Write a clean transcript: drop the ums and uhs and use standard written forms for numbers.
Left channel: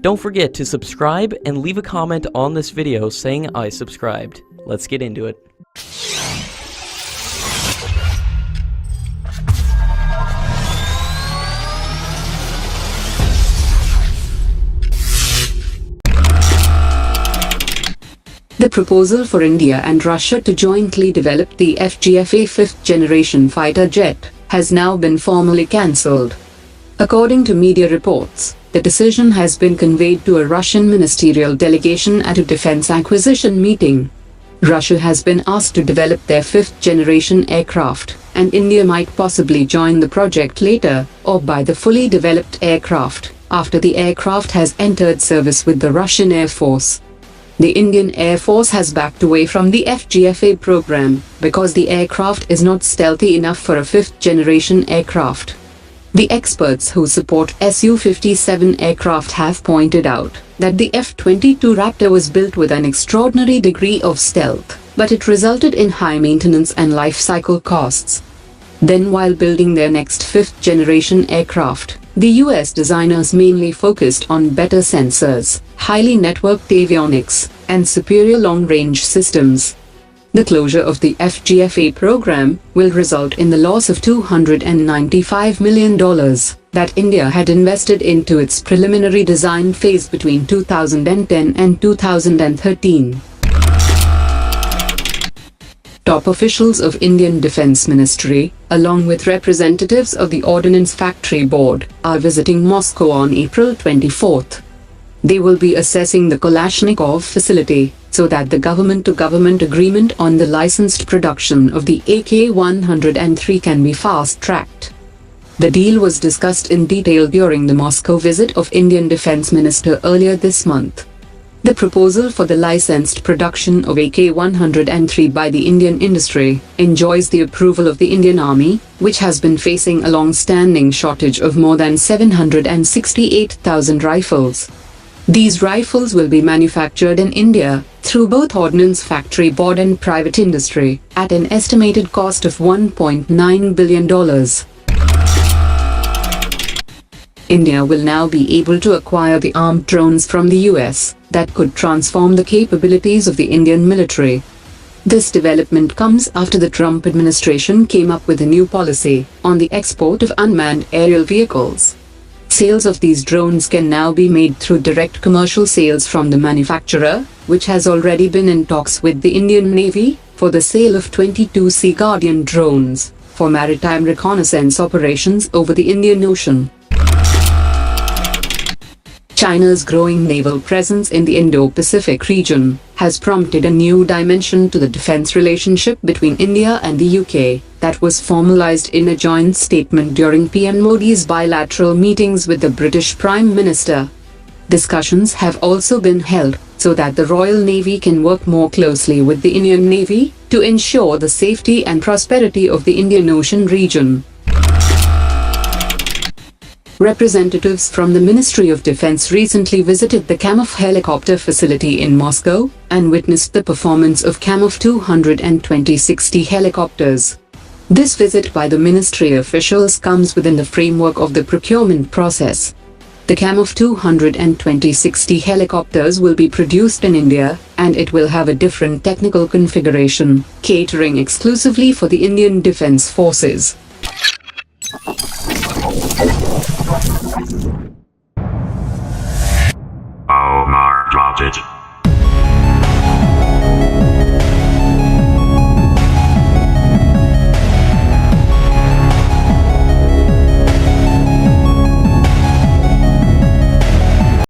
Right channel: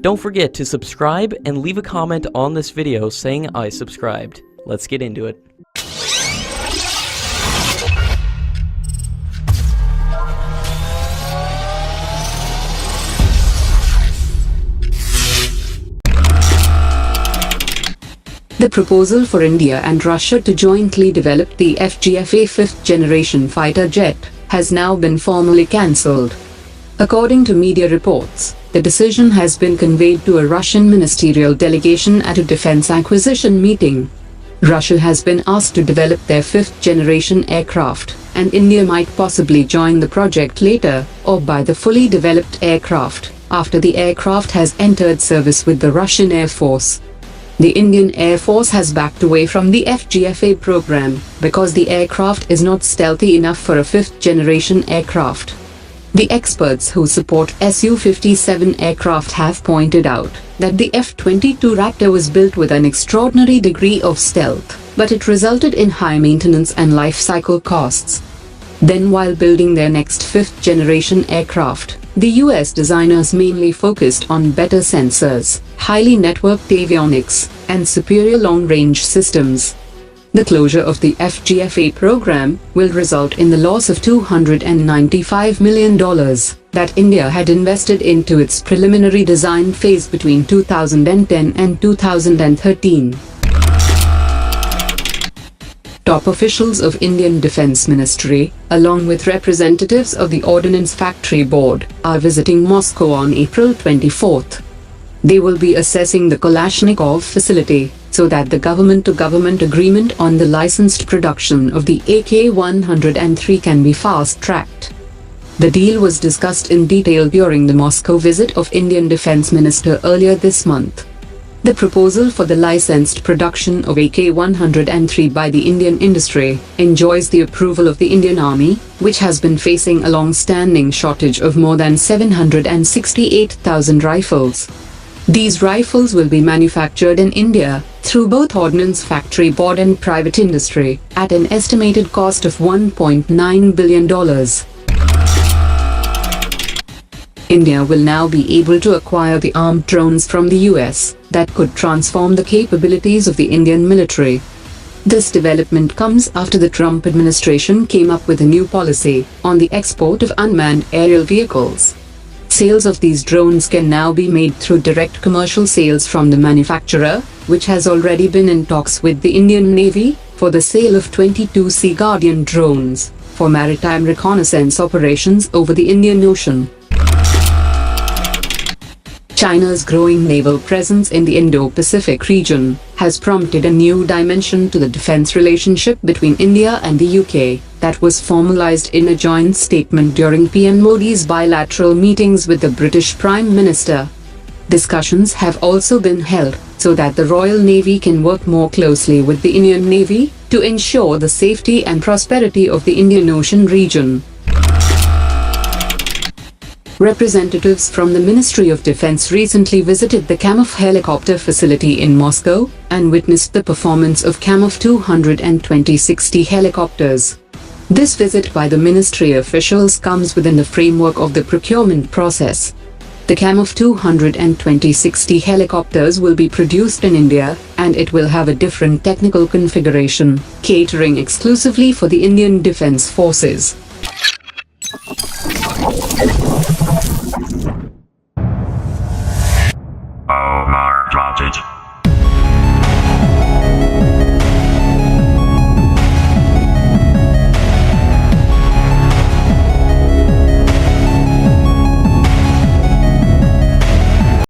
Don't forget to subscribe and leave a comment on this video saying I subscribed. Let's get into it. The proposal for India and Russia to jointly develop the FGFA fifth-generation fighter jet has now been formally cancelled. According to media reports, the decision has been conveyed to a Russian ministerial delegation at a defense acquisition meeting. Russia has been asked to develop their fifth-generation aircraft, and India might possibly join the project later, or buy the fully developed aircraft, after the aircraft has entered service with the Russian Air Force. The Indian Air Force has backed away from the FGFA program because the aircraft is not stealthy enough for a fifth-generation aircraft. The experts who support Su-57 aircraft have pointed out that the F-22 Raptor was built with an extraordinary degree of stealth, but it resulted in high maintenance and life cycle costs. Then, while building their next fifth-generation aircraft, the US designers mainly focused on better sensors, highly networked avionics, and superior long-range systems. The closure of the FGFA program will result in the loss of $295 million that India had invested into its preliminary design phase between 2010 and 2013. Top officials of Indian Defence Ministry, along with representatives of the Ordnance Factory Board, are visiting Moscow on April 24. They will be assessing the Kalashnikov facility, so that the government-to-government agreement on the licensed production of the AK-103 can be fast-tracked. The deal was discussed in detail during the Moscow visit of Indian Defence Minister earlier this month. The proposal for the licensed production of AK-103 by the Indian industry enjoys the approval of the Indian Army, which has been facing a long-standing shortage of more than 768,000 rifles. These rifles will be manufactured in India through both Ordnance Factory Board and private industry at an estimated cost of $1.9 billion. India will now be able to acquire the armed drones from the US that could transform the capabilities of the Indian military. This development comes after the Trump administration came up with a new policy on the export of unmanned aerial vehicles. Sales of these drones can now be made through direct commercial sales from the manufacturer, which has already been in talks with the Indian Navy for the sale of 22 Sea Guardian drones for maritime reconnaissance operations over the Indian Ocean. China's growing naval presence in the Indo-Pacific region has prompted a new dimension to the defense relationship between India and the UK that was formalized in a joint statement during PM Modi's bilateral meetings with the British Prime Minister. Discussions have also been held so that the Royal Navy can work more closely with the Indian Navy to ensure the safety and prosperity of the Indian Ocean region. Representatives from the Ministry of Defense recently visited the Kamov helicopter facility in Moscow and witnessed the performance of Kamov 220 helicopters. This visit by the ministry officials comes within the framework of the procurement process. The Kamov 220 helicopters will be produced in India, and it will have a different technical configuration, catering exclusively for the Indian Defence Forces.